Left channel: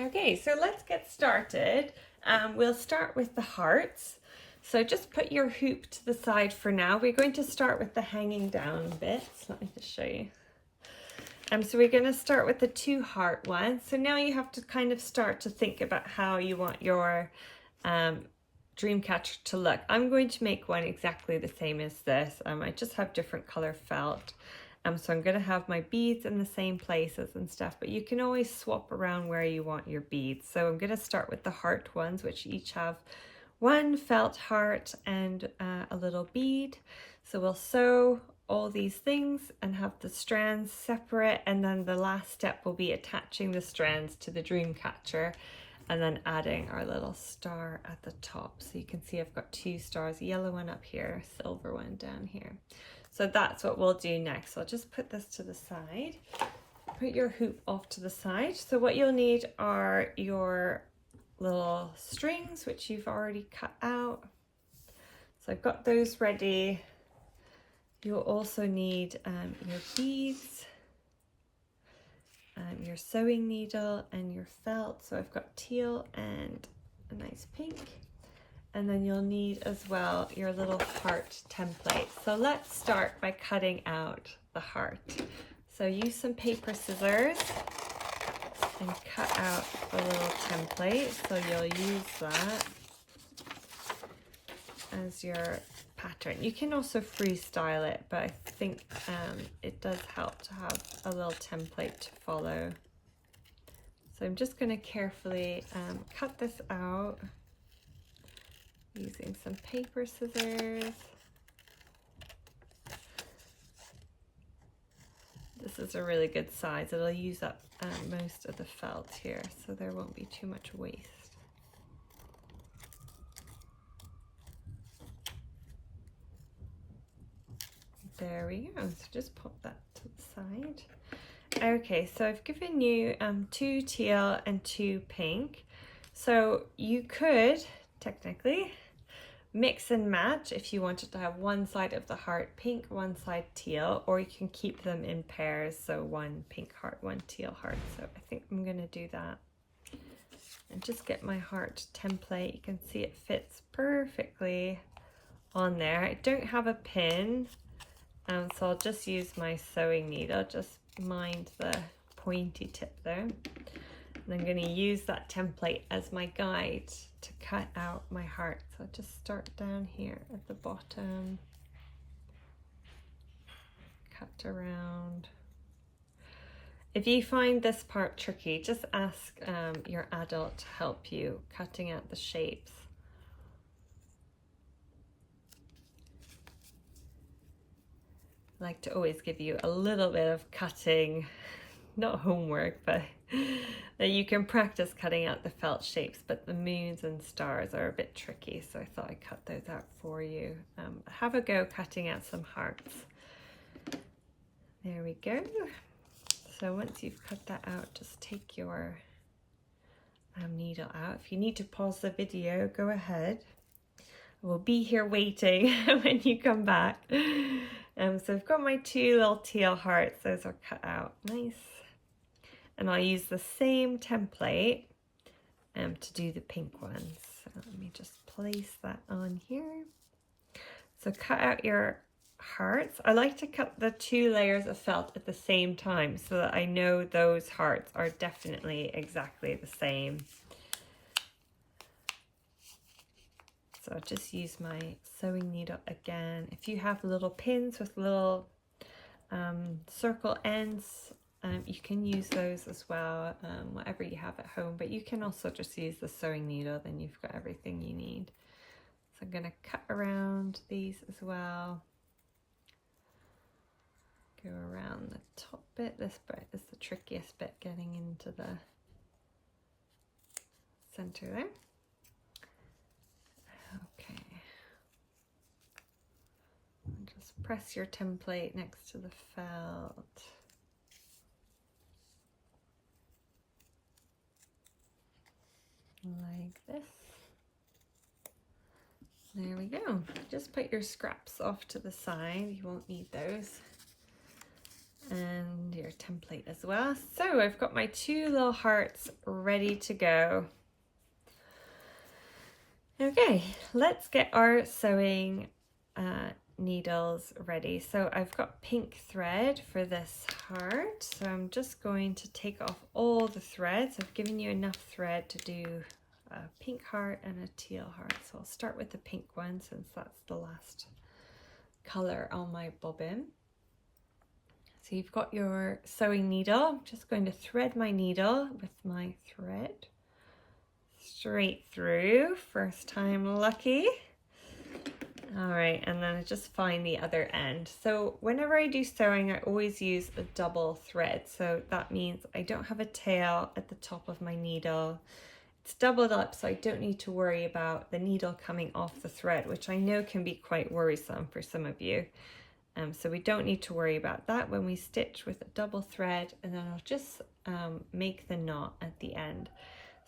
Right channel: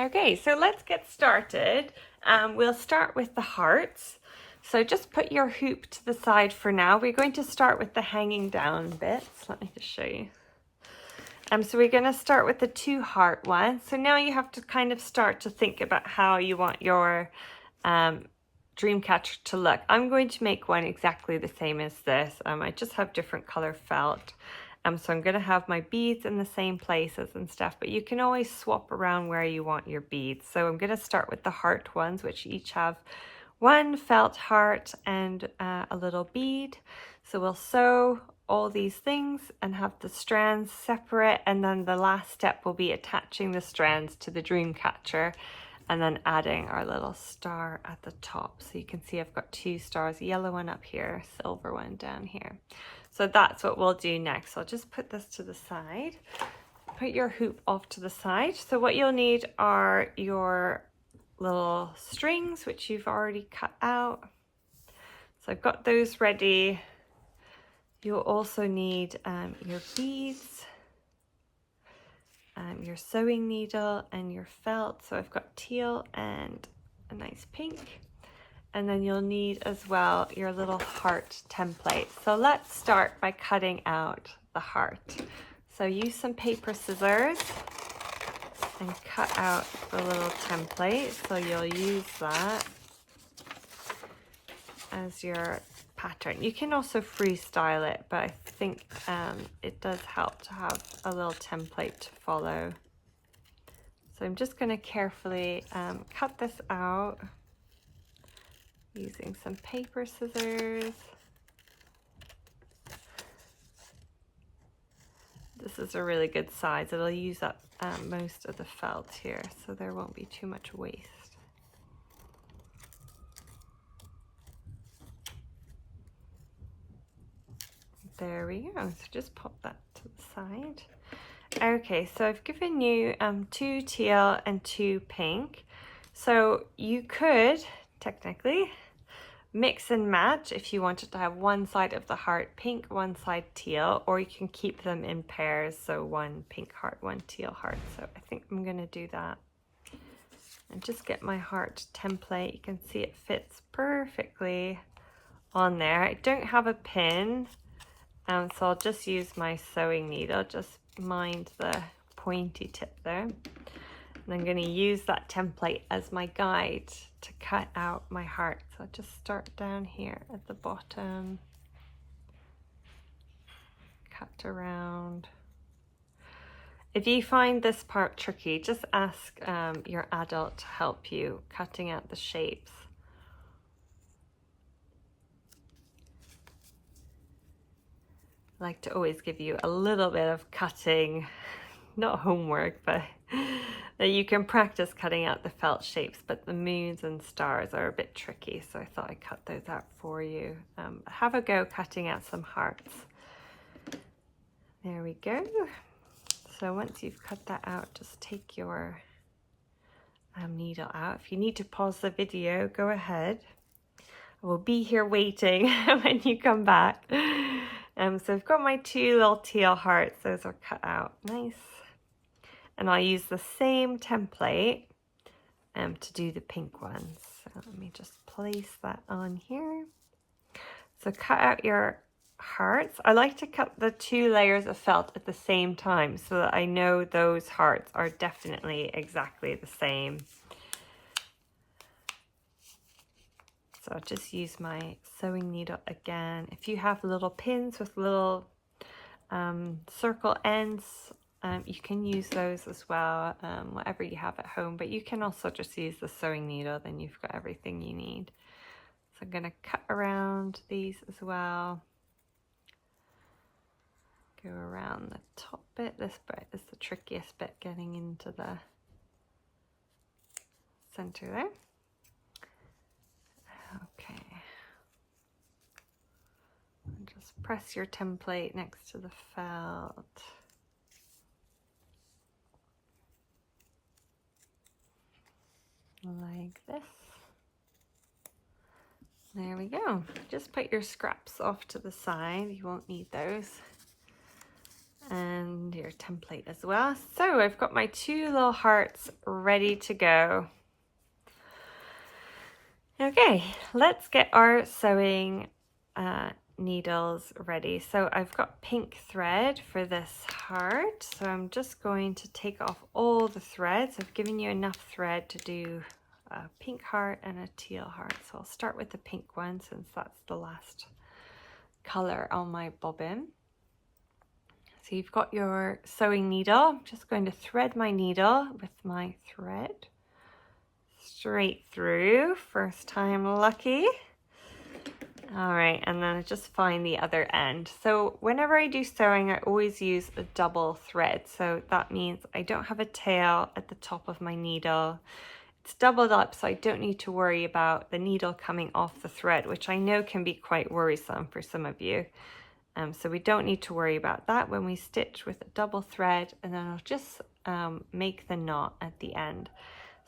Okay, so let's get started. We'll start with the hearts. So just put your hoop to the side for now. We're going to start with the hanging down bits. Let me just show you. So we're going to start with the 2 heart ones. So now you have to kind of start to think about how you want your Dreamcatcher to look. I'm going to make one exactly the same as this. I just have different color felt. So I'm going to have my beads in the same places and stuff, but you can always swap around where you want your beads. So I'm going to start with the heart ones, which each have 1 felt heart and a little bead. So we'll sew all these things and have the strands separate, and then the last step will be attaching the strands to the Dreamcatcher and then adding our little star at the top. So you can see I've got 2 stars, a yellow one up here, a silver one down here. So that's what we'll do next. So I'll just put this to the side. Put your hoop off to the side. So what you'll need are your little strings, which you've already cut out. So I've got those ready. You'll also need your beads, your sewing needle and your felt. So I've got teal and a nice pink. And then you'll need as well your little heart template. So let's start by cutting out the heart. So use some paper scissors and cut out the little template. So you'll use that as your pattern. You can also freestyle it, but I think it does help to have a little template to follow. So I'm just going to carefully cut this out using some paper scissors. This is a really good size. It'll use up most of the felt here, so there won't be too much waste. There we go. So just pop that to the side. Okay, so I've given you 2 teal and 2 pink. So you could technically mix and match if you wanted to have one side of the heart pink, one side teal, or you can keep them in pairs, so 1 pink heart, 1 teal heart. So I think I'm going to do that and just get my heart template. You can see it fits perfectly on there. I don't have a pin, so I'll just use my sewing needle. Just mind the pointy tip there. And I'm going to use that template as my guide to cut out my heart. So I'll just start down here at the bottom, cut around. If you find this part tricky, just ask your adult to help you cutting out the shapes. I like to always give you a little bit of cutting, not homework, but that you can practice cutting out the felt shapes, but the moons and stars are a bit tricky, so I thought I'd cut those out for you. Have a go cutting out some hearts. There we go. So once you've cut that out, just take your needle out. If you need to pause the video, go ahead. I will be here waiting when you come back. So I've got my 2 little teal hearts. Those are cut out nice. And I'll use the same template to do the pink ones. So let me just place that on here. So cut out your hearts. I like to cut the 2 layers of felt at the same time so that I know those hearts are definitely exactly the same. So I'll just use my sewing needle again. If you have little pins with little circle ends, you can use those as well, whatever you have at home, but you can also just use the sewing needle, then you've got everything you need. So I'm going to cut around these as well. Go around the top bit. This bit is the trickiest bit, getting into the center there. Okay. And just press your template next to the felt. Like this. There we go. Just put your scraps off to the side. You won't need those. and your template as well. So I've got my 2 little hearts ready to go. Okay, let's get our sewing needles ready. So I've got pink thread for this heart, so I'm just going to take off all the threads. I've given you enough thread to do a pink heart and a teal heart, so I'll start with the pink one since that's the last color on my bobbin. So you've got your sewing needle. I'm just going to thread my needle with my thread straight through, first time lucky. All right, and then I just find the other end. So whenever I do sewing, I always use a double thread. So that means I don't have a tail at the top of my needle. It's doubled up, so I don't need to worry about the needle coming off the thread, which I know can be quite worrisome for some of you. So we don't need to worry about that when we stitch with a double thread, and then I'll just make the knot at the end.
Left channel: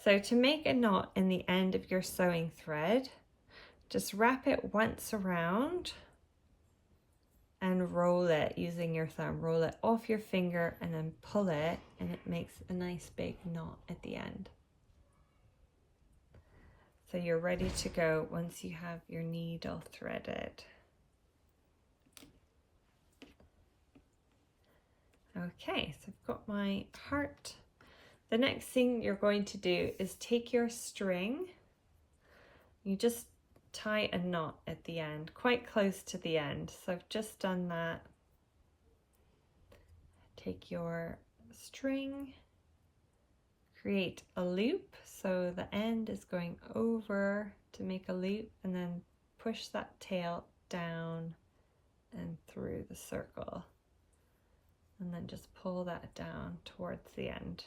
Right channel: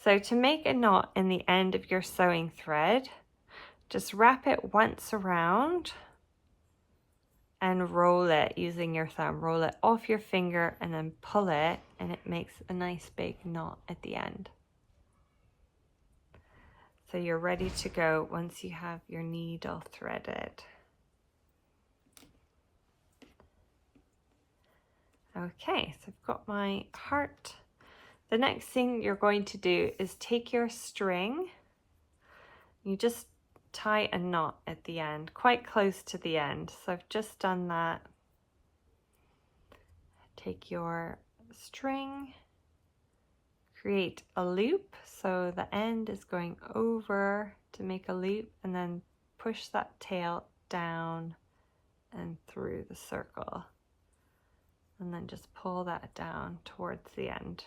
So to make a knot in the end of your sewing thread, just wrap it once around and roll it using your thumb. Roll it off your finger and then pull it, and it makes a nice big knot at the end. So you're ready to go once you have your needle threaded. Okay, so I've got my heart. The next thing you're going to do is take your string. You just tie a knot at the end, quite close to the end. So I've just done that. Take your string, create a loop. So the end is going over to make a loop, and then push that tail down and through the circle. And then just pull that down towards the end.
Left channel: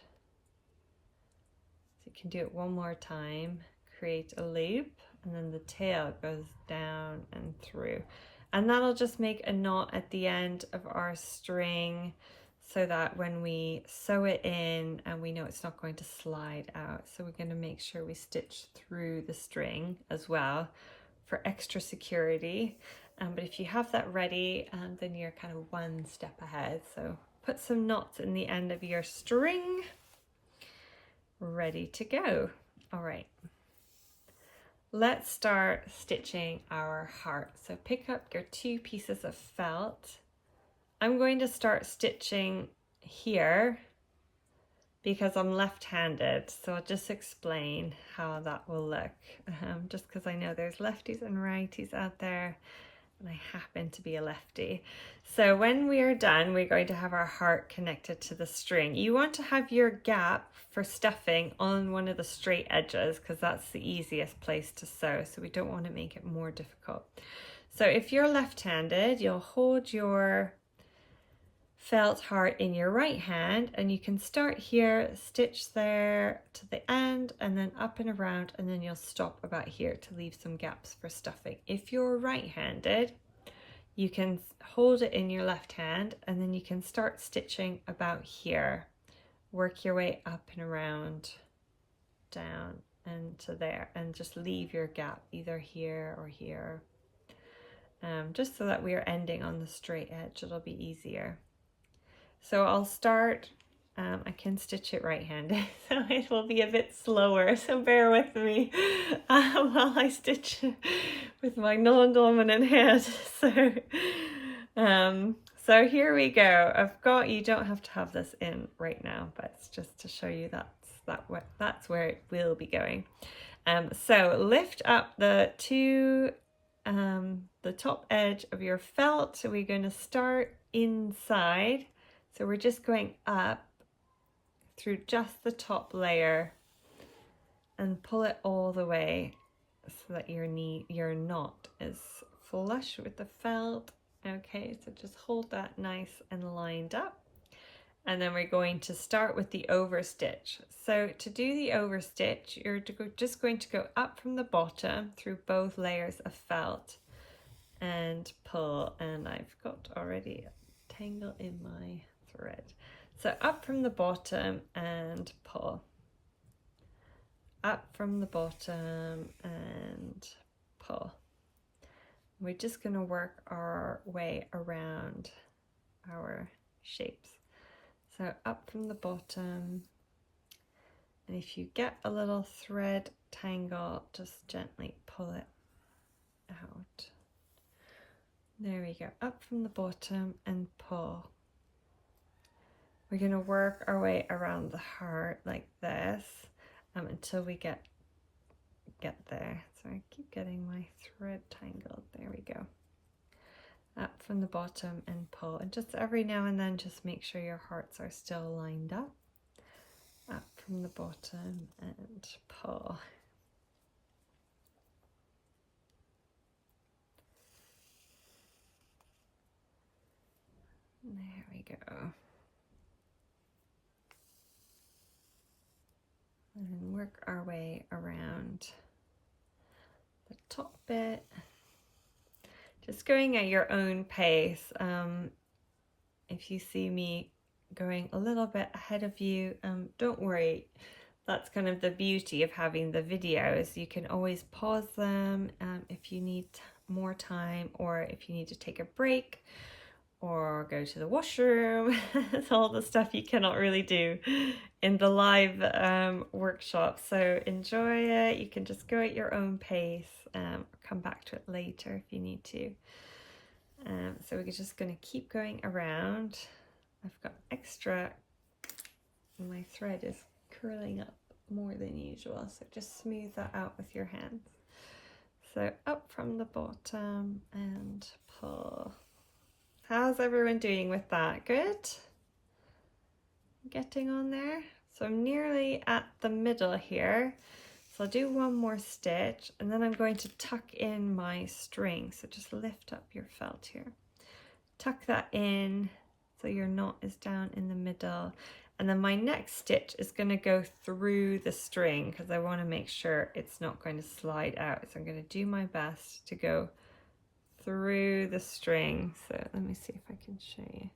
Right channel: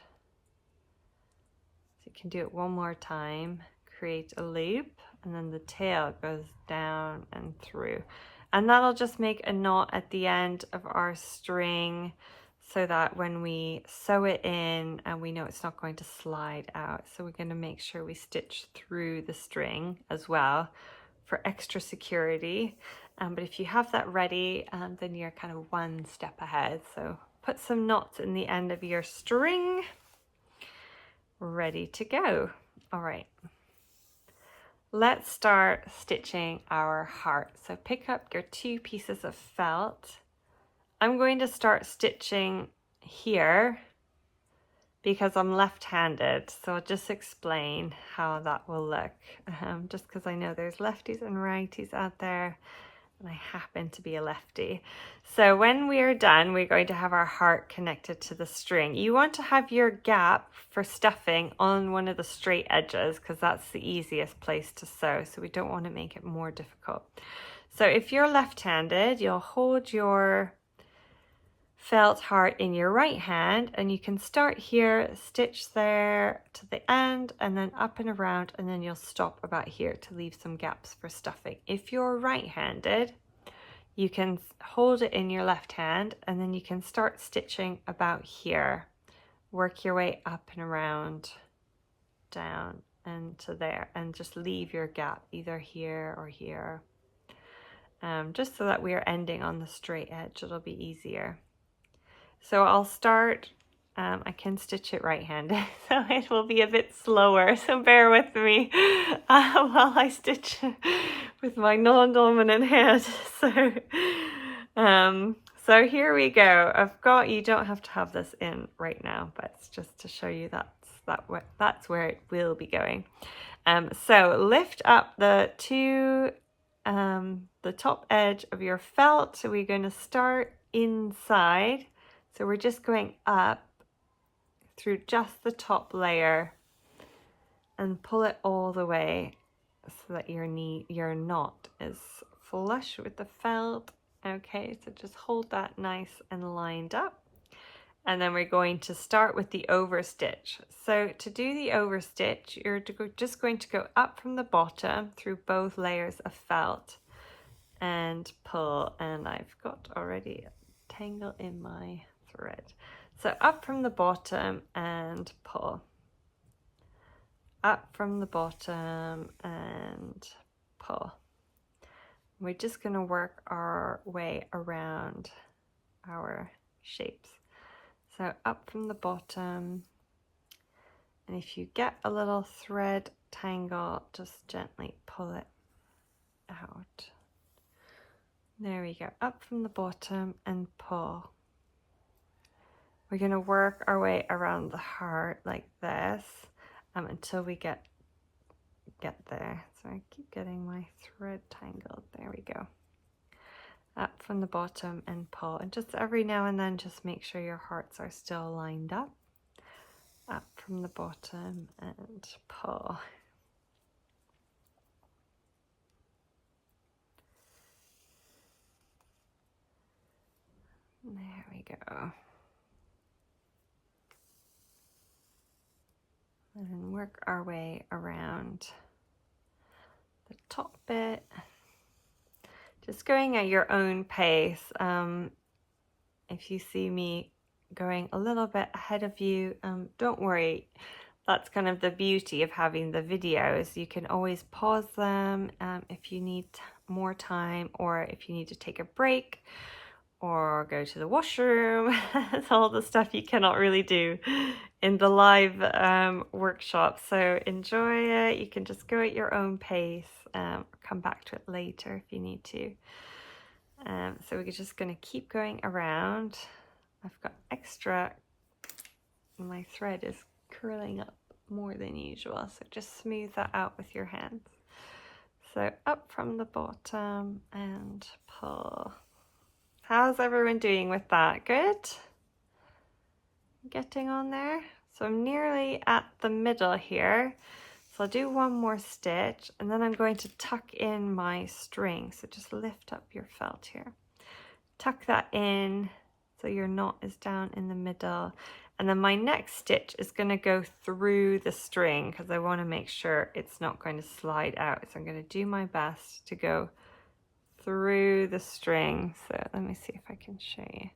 So you can do it one more time. Create a loop, and then the tail goes down and through. And that'll just make a knot at the end of our string so that when we sew it in, and we know it's not going to slide out. So we're going to make sure we stitch through the string as well for extra security. But if you have that ready, then you're kind of one step ahead. So put some knots in the end of your string, ready to go. All right, let's start stitching our heart. So pick up your 2 pieces of felt. I'm going to start stitching here because I'm left-handed, so I'll just explain how that will look, just because I know there's lefties and righties out there, and I happen to be a lefty. So when we are done, we're going to have our heart connected to the string. You want to have your gap for stuffing on one of the straight edges because that's the easiest place to sew, so we don't want to make it more difficult. So if you're left-handed, you'll hold your felt heart in your right hand, and you can start here, stitch there to the end, and then up and around, and then you'll stop about here to leave some gaps for stuffing. If you're right-handed, you can hold it in your left hand, and then you can start stitching about here. Work your way up and around, down and to there, and just leave your gap either here or here, just so that we are ending on the straight edge. It'll be easier. So I'll start, I can stitch it right-handed, so it will be a bit slower, so bear with me while I stitch with my non-dominant hand. So here we go. I've got, you don't have to have this in right now, but it's just to show you that's where it will be going. So lift up the top edge of your felt. So we're going to start inside. So we're just going up through just the top layer and pull it all the way so that your knot is flush with the felt. Okay, so just hold that nice and lined up. And then we're going to start with the overstitch. So to do the overstitch, you're just going to go up from the bottom through both layers of felt and pull. And I've got already a tangle in my thread. So up from the bottom and pull. Up from the bottom and pull. We're just going to work our way around our shapes. So up from the bottom, and if you get a little thread tangle, just gently pull it out. There we go, up from the bottom and pull. We're going to work our way around the heart like this until we get there. So I keep getting my thread tangled. There we go. Up from the bottom and pull. And just every now and then, just make sure your hearts are still lined up. Up from the bottom and pull. There we go. And then work our way around the top bit. Just going at your own pace. If you see me going a little bit ahead of you, don't worry. That's kind of the beauty of having the videos. You can always pause them if you need more time, or if you need to take a break or go to the washroom. It's all the stuff you cannot really do in the live workshop. So enjoy it. You can just go at your own pace. Come back to it later if you need to. So we're just going to keep going around. I've got extra, my thread is curling up more than usual, so just smooth that out with your hands. So up from the bottom and pull. How's everyone doing with that? Good? Getting on there? So I'm nearly at the middle here. So I'll do one more stitch and then I'm going to tuck in my string. So just lift up your felt here. Tuck that in so your knot is down in the middle. And then my next stitch is going to go through the string because I want to make sure it's not going to slide out. So I'm going to do my best to go through the string. So let me see if I can show you.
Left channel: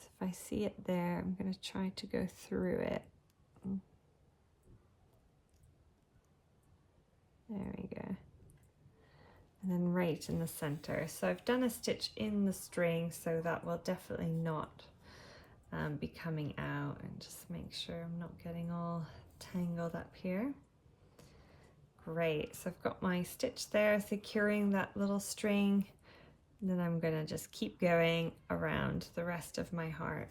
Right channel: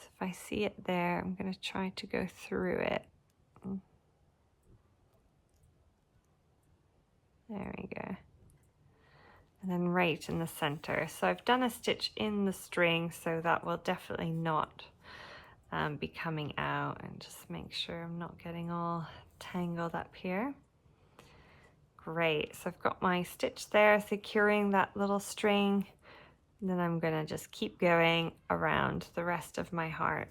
So if I see it there, I'm going to try to go through it. There we go. And then right in the center. So I've done a stitch in the string, so that will definitely not be coming out, and just make sure I'm not getting all tangled up here. Great, so I've got my stitch there securing that little string, and then I'm gonna just keep going around the rest of my heart.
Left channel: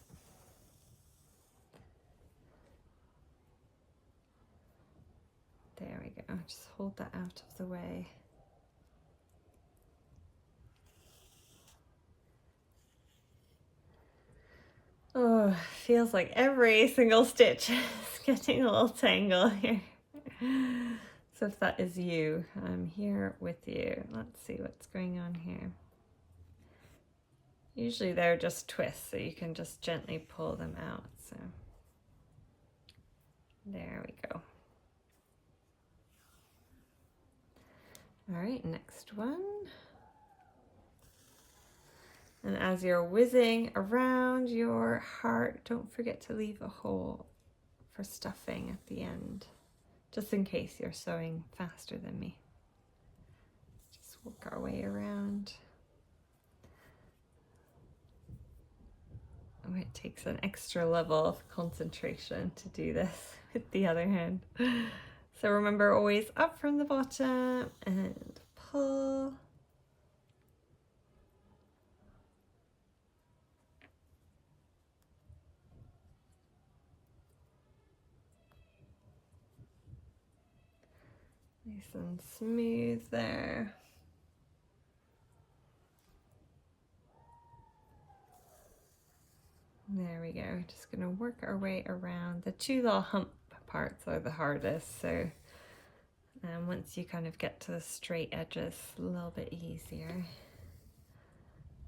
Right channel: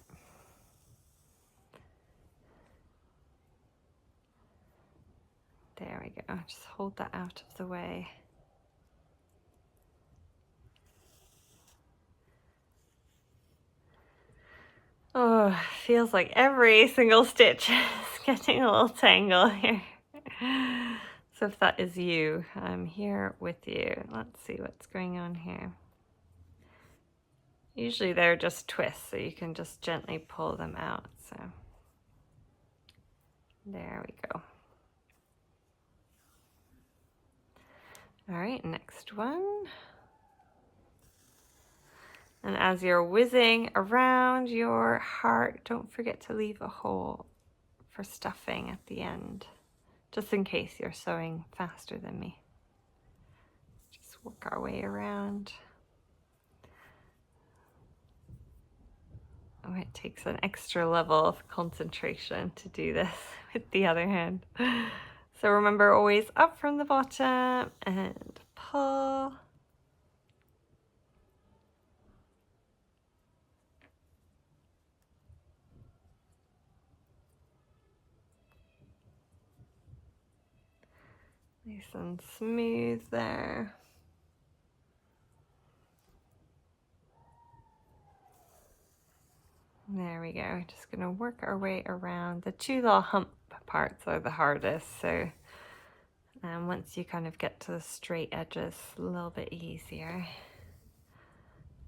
There we go, just hold that out of the way. Oh, feels like every single stitch is getting a little tangle here. So if that is you, I'm here with you. Let's see what's going on here. Usually they're just twists, so you can just gently pull them out. So there we go. All right, next one. And as you're whizzing around your heart, don't forget to leave a hole for stuffing at the end, just in case you're sewing faster than me. Just work our way around. Oh, it takes an extra level of concentration to do this with the other hand. So remember, always up from the bottom and pull. Nice and smooth there. There we go. Just going to work our way around. The two little hump parts are the hardest, so once you kind of get to the straight edges, a little bit easier.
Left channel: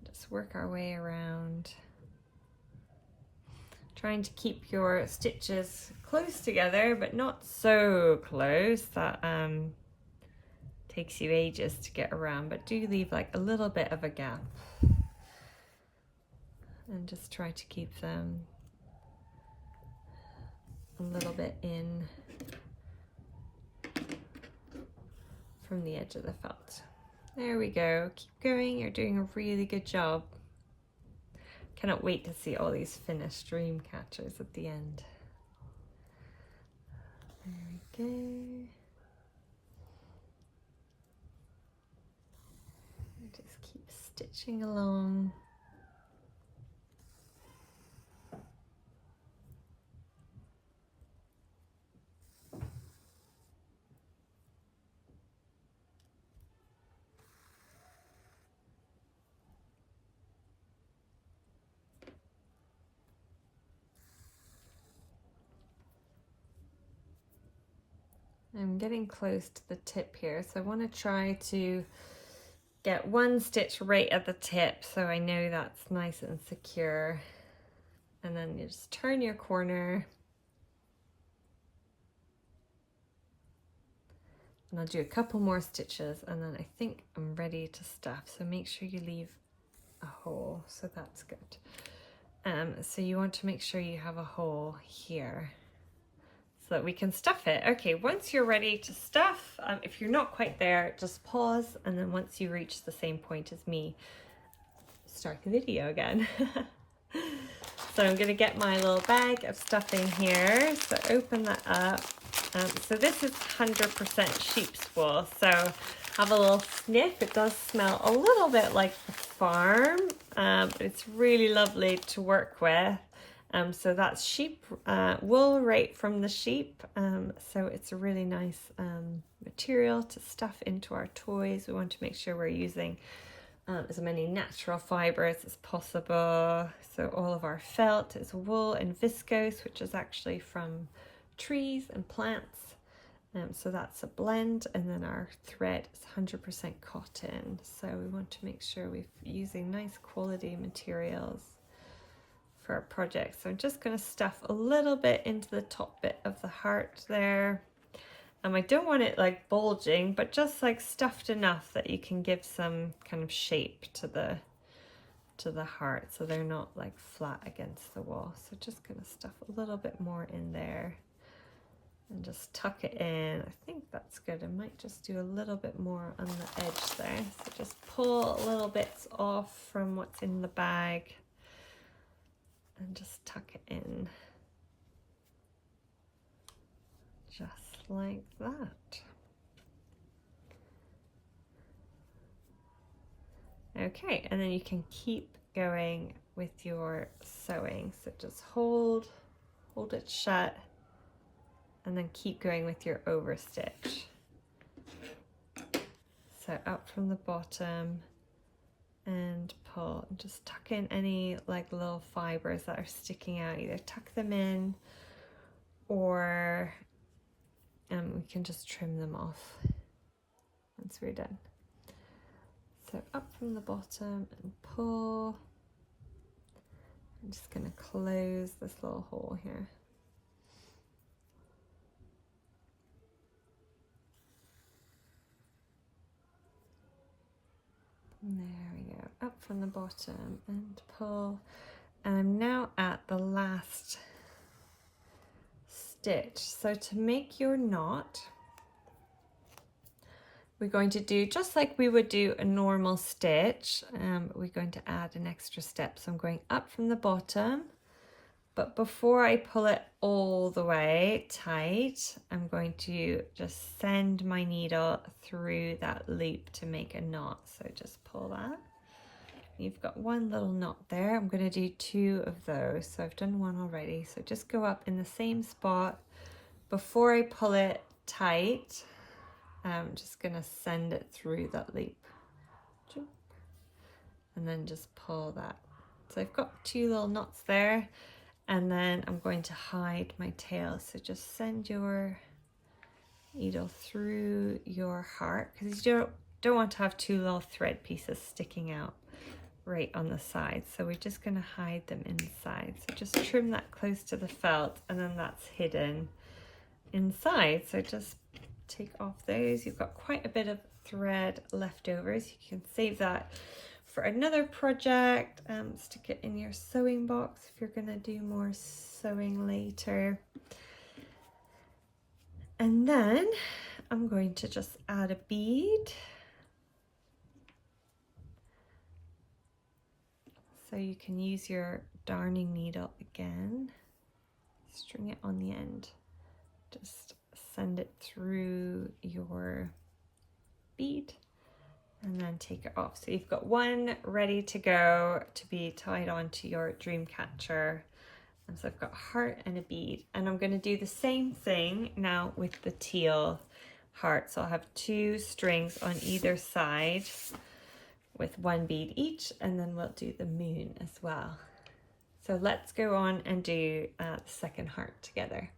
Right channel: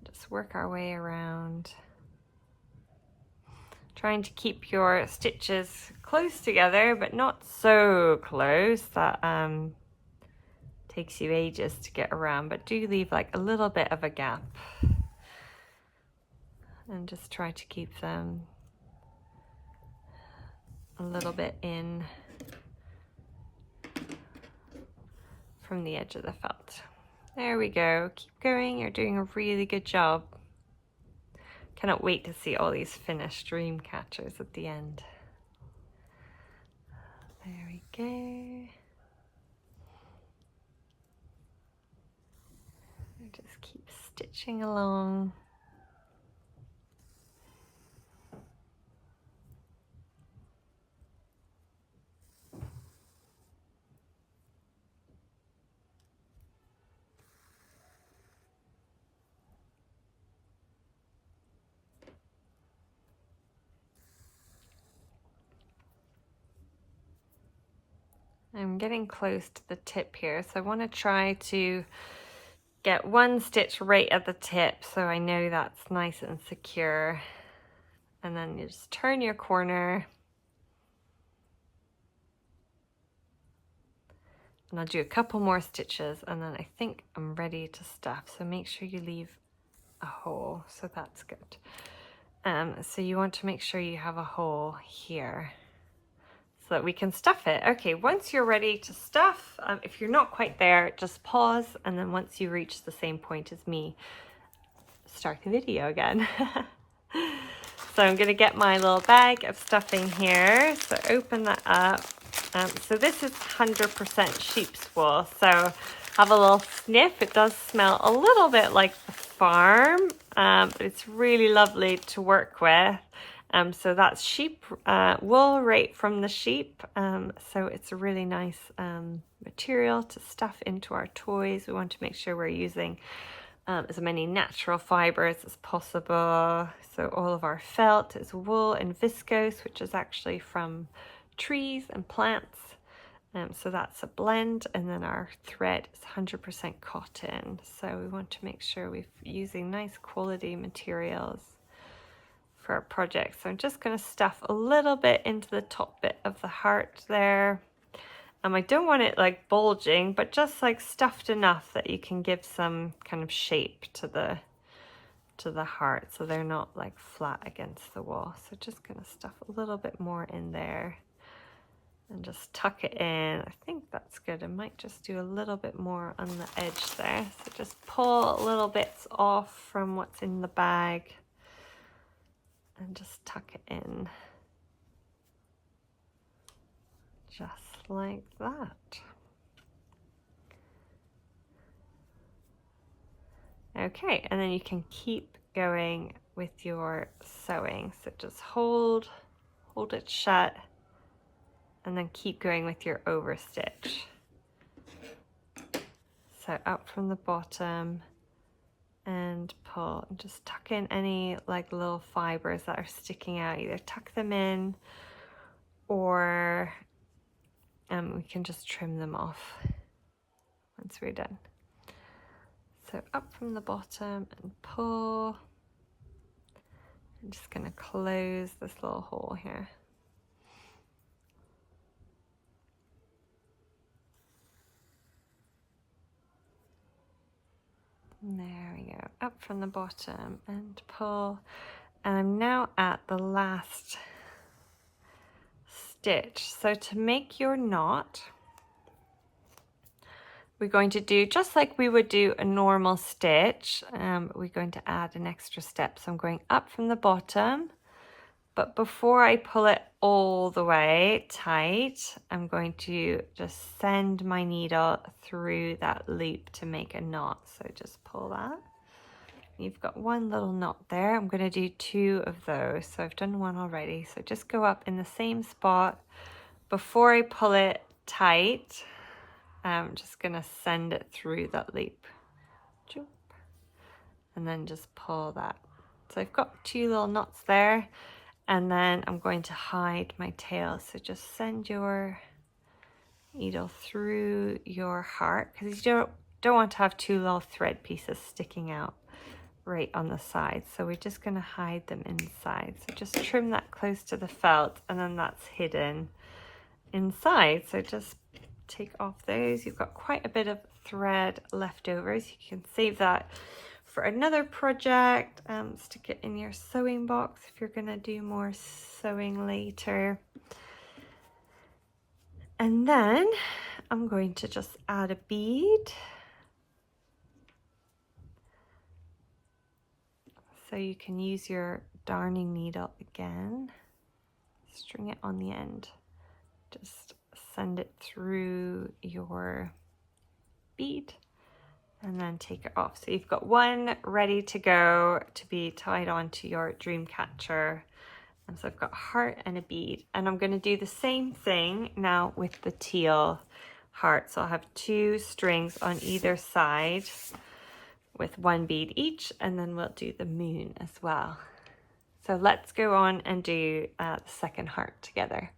Just work our way around. Trying to keep your stitches close together, but not so close that takes you ages to get around, but do leave like a little bit of a gap. And just try to keep them a little bit in from the edge of the felt. There we go. Keep going. You're doing a really good job. Cannot wait to see all these finished dream catchers at the end. There we go. Just keep stitching along. I'm getting close to the tip here, so I want to try to get one stitch right at the tip so I know that's nice and secure. And then you just turn your corner. And I'll do a couple more stitches and then I think I'm ready to stuff. So make sure you leave a hole, so that's good. So you want to make sure you have a hole here, so that we can stuff it. Okay, once you're ready to stuff, if you're not quite there, just pause, and then once you reach the same point as me, start the video again. So I'm gonna get my little bag of stuffing here, so open that up. So this is 100% sheep's wool, so have a little sniff. It does smell a little bit like the farm, but it's really lovely to work with. So that's sheep wool right from the sheep. So it's a really nice material to stuff into our toys. We want to make sure we're using as many natural fibers as possible. So all of our felt is wool and viscose, which is actually from trees and plants. So that's a blend, and then our thread is 100% cotton. So we want to make sure we're using nice quality materials for our project. So I'm just going to stuff a little bit into the top bit of the heart there. I don't want it like bulging, but just like stuffed enough that you can give some kind of shape to the heart, so they're not like flat against the wall. So just going to stuff a little bit more in there and just tuck it in. I think that's good. I might just do a little bit more on the edge there. So just pull little bits off from what's in the bag and just tuck it in, just like that. Okay, and then you can keep going with your sewing. So just hold it shut, and then keep going with your overstitch. So up from the bottom and pull, and just tuck in any like little fibers that are sticking out. Either tuck them in, or we can just trim them off once we're done. So up from the bottom and pull. I'm just going to close this little hole here. And there we go, up from the bottom and pull. And I'm now at the last stitch. So to make your knot, we're going to do just like we would do a normal stitch. We're going to add an extra step. So I'm going up from the bottom, but before I pull it all the way tight, I'm going to just send my needle through that loop to make a knot. So just pull that. You've got one little knot there. I'm going to do 2 of those. So I've done 1 already. So just go up in the same spot. Before I pull it tight, I'm just going to send it through that loop. And then just pull that. So I've got 2 little knots there. And then I'm going to hide my tail. So just send your needle through your heart, because you don't want to have 2 little thread pieces sticking out right on the side. So we're just going to hide them inside. So just trim that close to the felt, and then that's hidden inside. So just take off those. You've got quite a bit of thread left over, so you can save that for another project. Stick it in your sewing box if you're going to do more sewing later. And then I'm going to just add a bead. So you can use your darning needle again, string it on the end, just send it through your bead and then take it off. So you've got one ready to go to be tied onto your dream catcher. And so I've got a heart and a bead, and I'm going to do the same thing now with the teal heart. So I'll have 2 strings on either side with 1 bead each, and then we'll do the moon as well. So let's go on and do the second heart together.